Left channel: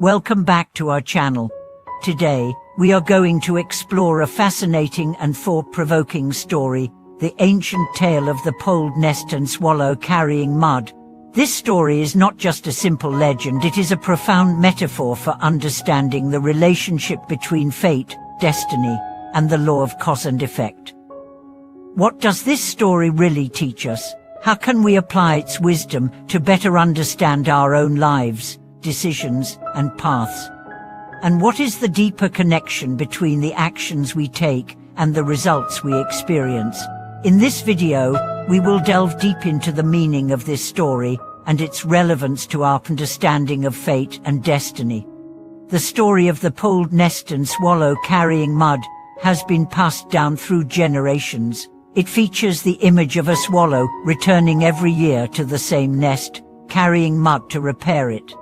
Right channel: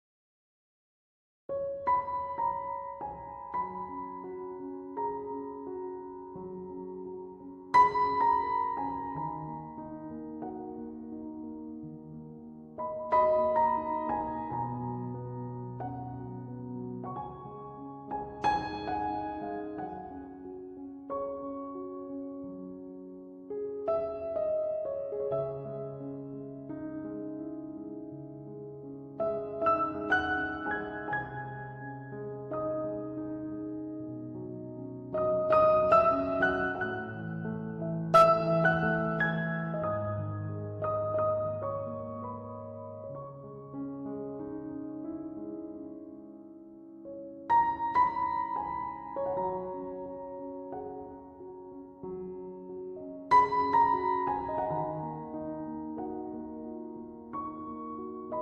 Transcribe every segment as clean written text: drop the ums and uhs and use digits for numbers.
Welcome back to our channel. Today, we are going to explore a fascinating and thought-provoking story, the ancient tale of the poled nest and swallow carrying mud. This story is not just a simple legend, it is a profound metaphor for understanding the relationship between fate, destiny, and the law of cause and effect. What does this story really teach us? How can we apply its wisdom to better understand our own lives, decisions, and paths? And what is the deeper connection between the actions we take and the results we experience? In this video, we will delve deep into the meaning of this story and its relevance to our understanding of fate and destiny. The story of the poled nest and swallow carrying mud has been passed down through generations. It features the image of a swallow returning every year to the same nest, carrying mud to repair it.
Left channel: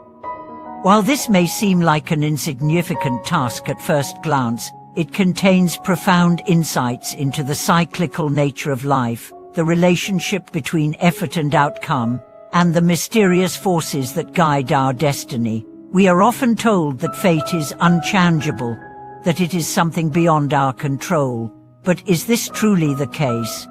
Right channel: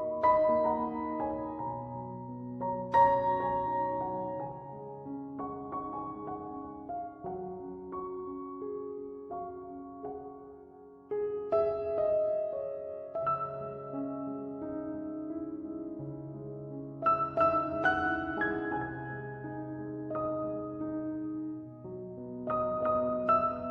While this may seem like an insignificant task at first glance, it contains profound insights into the cyclical nature of life, the relationship between effort and outcome, and the mysterious forces that guide our destiny. We are often told that fate is unchangeable, that it is something beyond our control. But is this truly the case?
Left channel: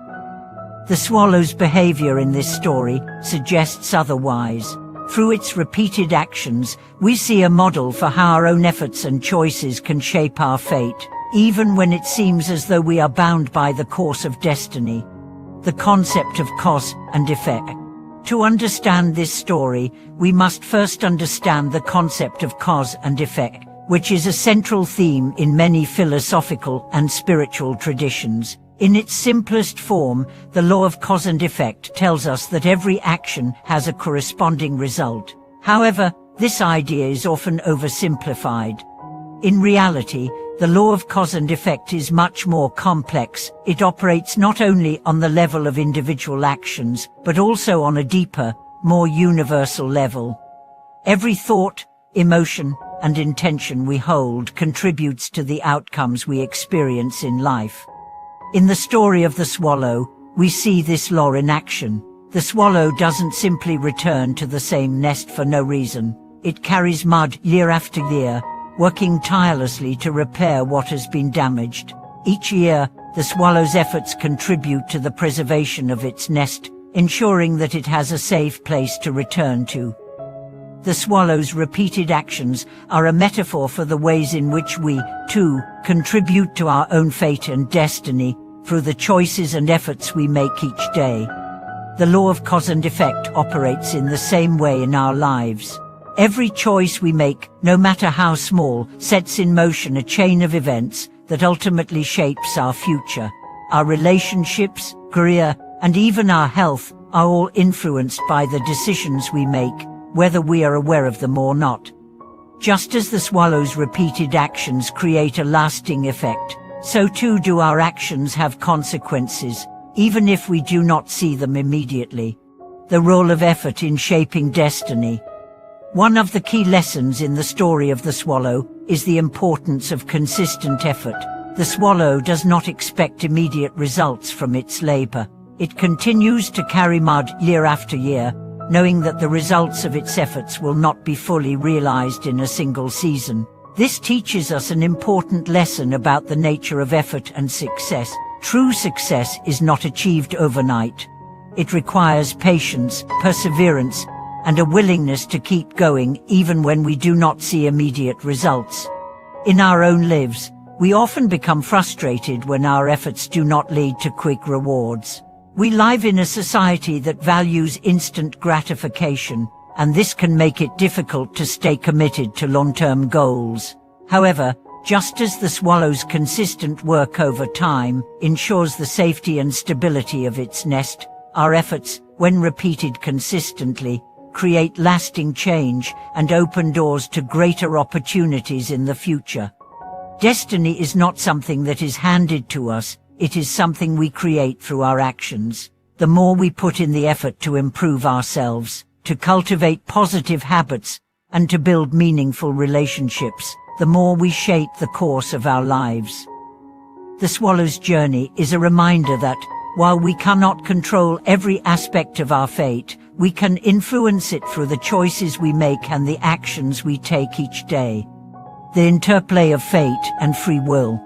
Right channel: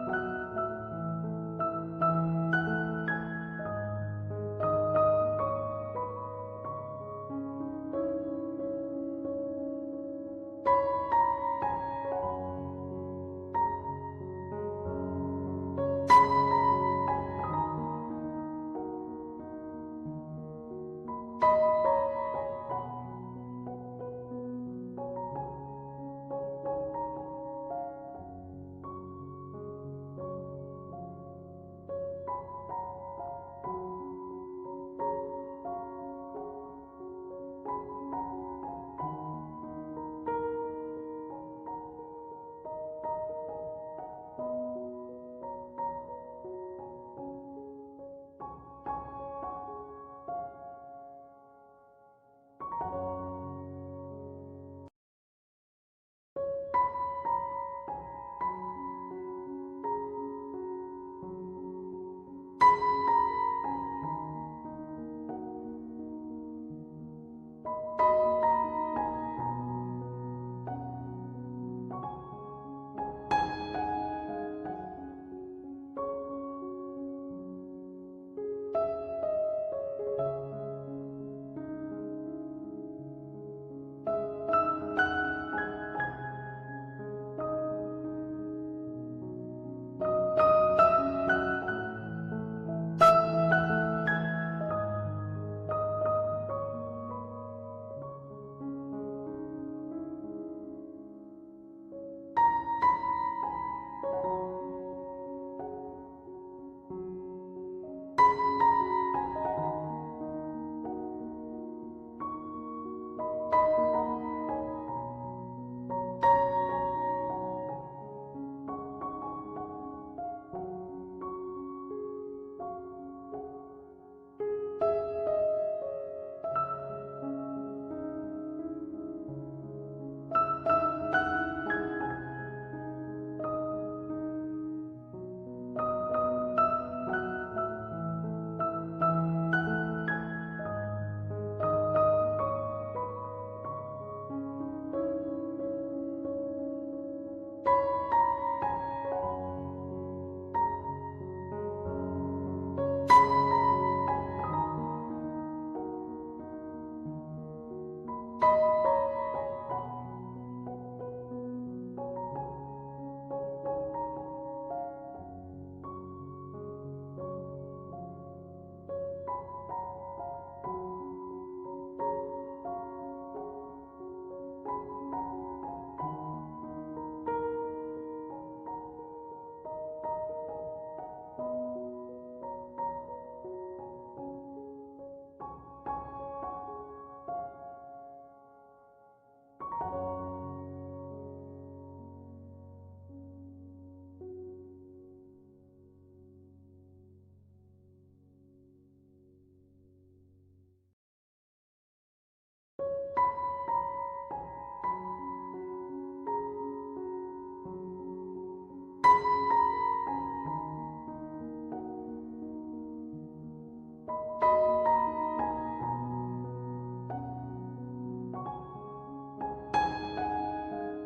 The swallow's behavior in this story suggests otherwise. Through its repeated actions, we see a model for how our own efforts and choices can shape our fate, even when it seems as though we are bound by the course of destiny. The concept of cause and effect. To understand this story, we must first understand the concept of cause and effect, which is a central theme in many philosophical and spiritual traditions. In its simplest form, the law of cause and effect tells us that every action has a corresponding result. However, this idea is often oversimplified. In reality, the law of cause and effect is much more complex. It operates not only on the level of individual actions, but also on a deeper, more universal level. Every thought, emotion, and intention we hold contributes to the outcomes we experience in life. In the story of the swallow, we see this law in action. The swallow doesn't simply return to the same nest for no reason. It carries mud year after year, working tirelessly to repair what has been damaged. Each year, the swallow's efforts contribute to the preservation of its nest, ensuring that it has a safe place to return to. The swallow's repeated actions are a metaphor for the ways in which we, too, contribute to our own fate and destiny through the choices and efforts we make each day. The law of cause and effect operates in the same way in our lives. Every choice we make, no matter how small, sets in motion a chain of events that ultimately shapes our future. Our relationships, career, and even our health are all influenced by the decisions we make, whether we are aware of them or not. Just as the swallow's repeated actions create a lasting effect, so too do our actions have consequences, even if we do not see them immediately. The role of effort in shaping destiny. One of the key lessons in the story of the swallow is the importance of consistent effort. The swallow does not expect immediate results from its labor. It continues to carry mud year after year, knowing that the results of its efforts will not be fully realized in a single season. This teaches us an important lesson about the nature of effort and success. True success is not achieved overnight. It requires patience, perseverance, and a willingness to keep going even when we do not see immediate results. In our own lives, we often become frustrated when our efforts do not lead to quick rewards. We live in a society that values instant gratification, and this can make it difficult to stay committed to long-term goals. However, just as the swallow's consistent work over time ensures the safety and stability of its nest, our efforts, when repeated consistently, create lasting change and open doors to greater opportunities in the future. Destiny is not something that is handed to us. It is something we create through our actions. The more we put in the effort to improve ourselves, to cultivate positive habits, and to build meaningful relationships, the more we shape the course of our lives. The swallow's journey is a reminder that, While we cannot control every aspect of our fate, we can influence it through the choices we make and the actions we take each day. The interplay of fate and free will.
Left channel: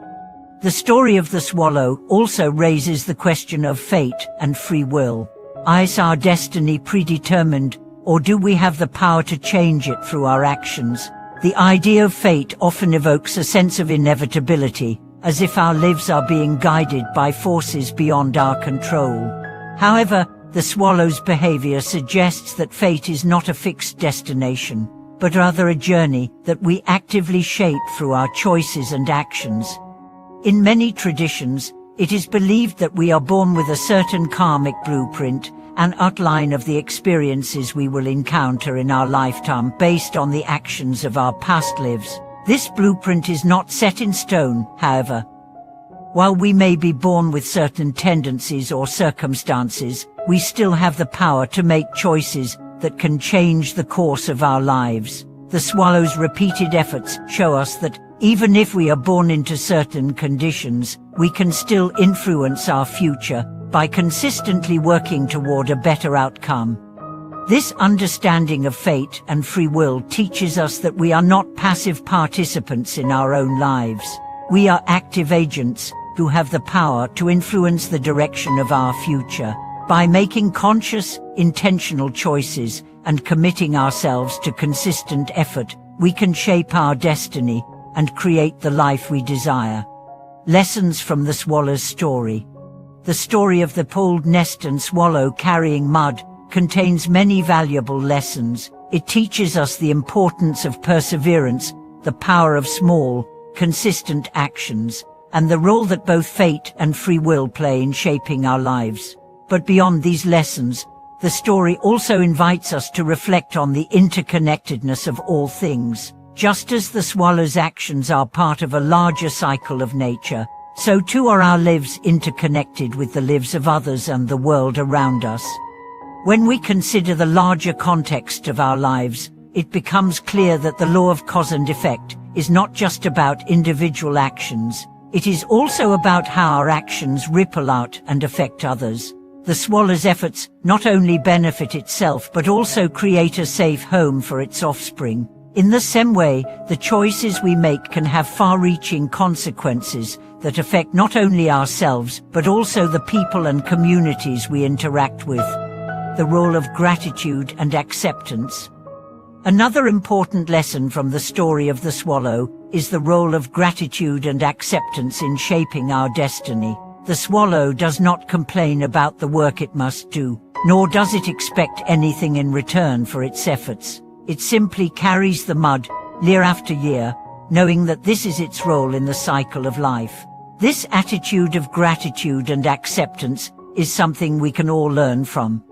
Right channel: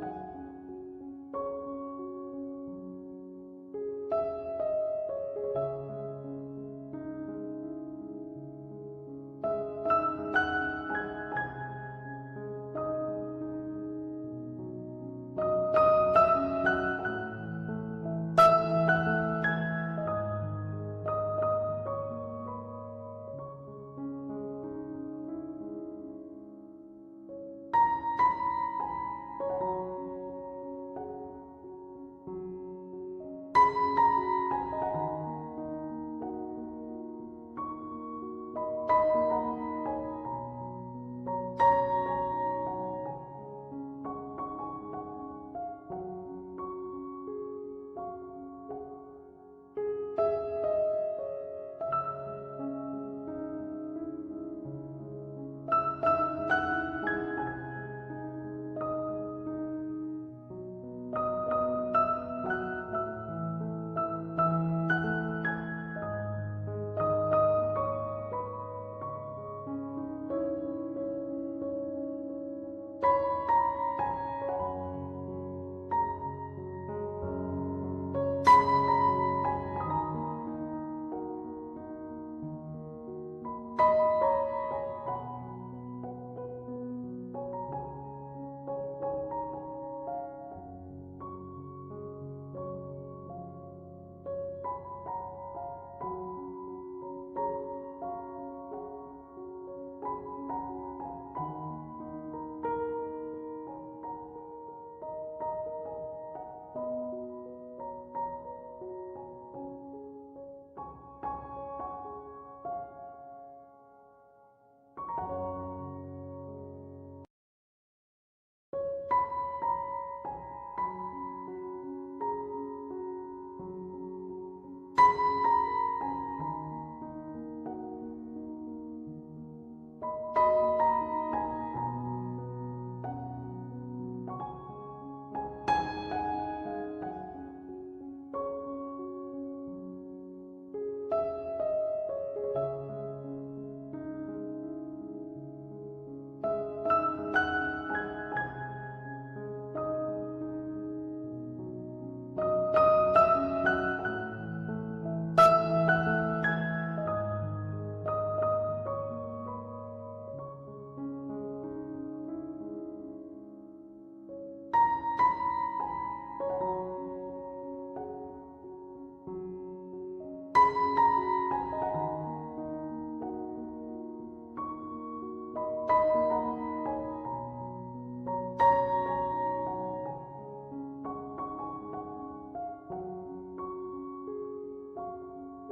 The story of the swallow also raises the question of fate and free will. Is our destiny predetermined, or do we have the power to change it through our actions? The idea of fate often evokes a sense of inevitability, as if our lives are being guided by forces beyond our control. However, the swallow's behavior suggests that fate is not a fixed destination, but rather a journey that we actively shape through our choices and actions. In many traditions, it is believed that we are born with a certain karmic blueprint, an outline of the experiences we will encounter in our lifetime based on the actions of our past lives. This blueprint is not set in stone, however. While we may be born with certain tendencies or circumstances, we still have the power to make choices that can change the course of our lives. The swallow's repeated efforts show us that even if we are born into certain conditions, we can still influence our future by consistently working toward a better outcome. This understanding of fate and free will teaches us that we are not passive participants in our own lives. We are active agents who have the power to influence the direction of our future. By making conscious, intentional choices and committing ourselves to consistent effort, we can shape our destiny and create the life we desire. Lessons from the swallow's story. The story of the polled nest and swallow carrying mud contains many valuable lessons. It teaches us the importance of perseverance, the power of small, consistent actions, and the role that both fate and free will play in shaping our lives. But beyond these lessons, the story also invites us to reflect on the interconnectedness of all things. Just as the swallow's actions are part of a larger cycle of nature, so too are our lives interconnected with the lives of others and the world around us. When we consider the larger context of our lives, it becomes clear that the law of cause and effect is not just about individual actions. It is also about how our actions ripple out and affect others. The swallow's efforts not only benefit itself but also create a safe home for its offspring. In the same way, the choices we make can have far-reaching consequences that affect not only ourselves but also the people and communities we interact with. The role of gratitude and acceptance. Another important lesson from the story of the swallow is the role of gratitude and acceptance in shaping our destiny. The swallow does not complain about the work it must do, nor does it expect anything in return for its efforts. It simply carries the mud, year after year, knowing that this is its role in the cycle of life. This attitude of gratitude and acceptance is something we can all learn from.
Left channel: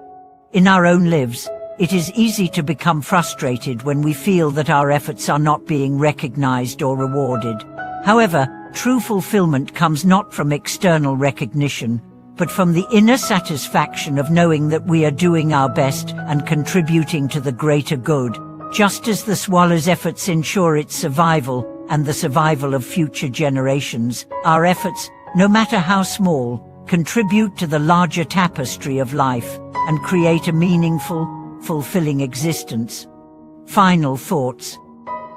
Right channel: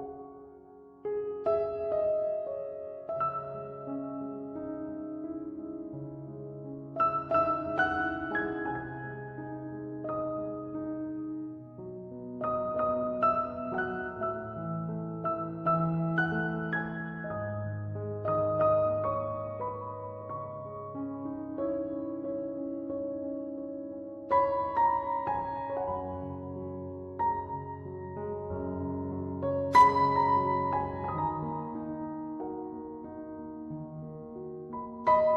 In our own lives, it is easy to become frustrated when we feel that our efforts are not being recognized or rewarded. However, true fulfillment comes not from external recognition, but from the inner satisfaction of knowing that we are doing our best and contributing to the greater good. Just as the swallow's efforts ensure its survival and the survival of future generations, our efforts, no matter how small, contribute to the larger tapestry of life and create a meaningful, fulfilling existence. Final thoughts.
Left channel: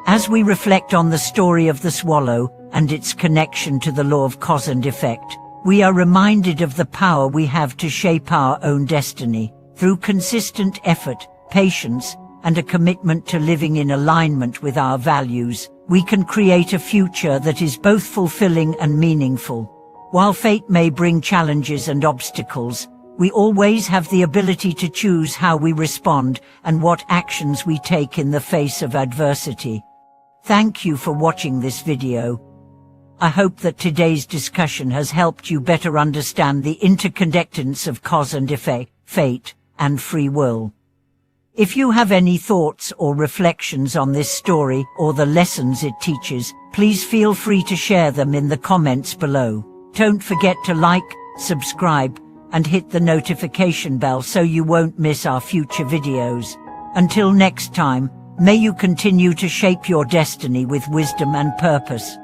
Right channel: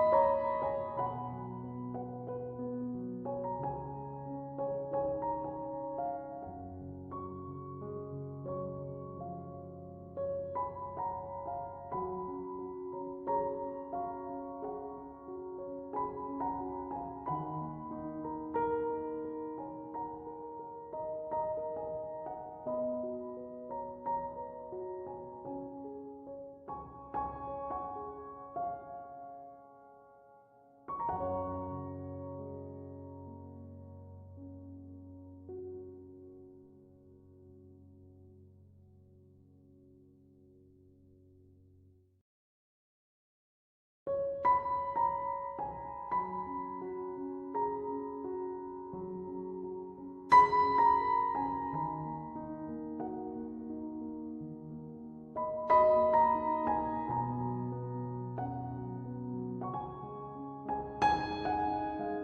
As we reflect on the story of the swallow and its connection to the law of cause and effect, we are reminded of the power we have to shape our own destiny. Through consistent effort, patience, and a commitment to living in alignment with our values, we can create a future that is both fulfilling and meaningful. While fate may bring challenges and obstacles, we always have the ability to choose how we respond and what actions we take in the face of adversity. Thank you for watching this video. I hope that today's discussion has helped you better understand the interconnectedness of cause and effect, fate, and free will. If you have any thoughts or reflections on this story or the lessons it teaches, please feel free to share them in the comments below. Don't forget to like, subscribe, and hit the notification bell so you won't miss our future videos. Until next time, may you continue to shape your destiny with wisdom and purpose.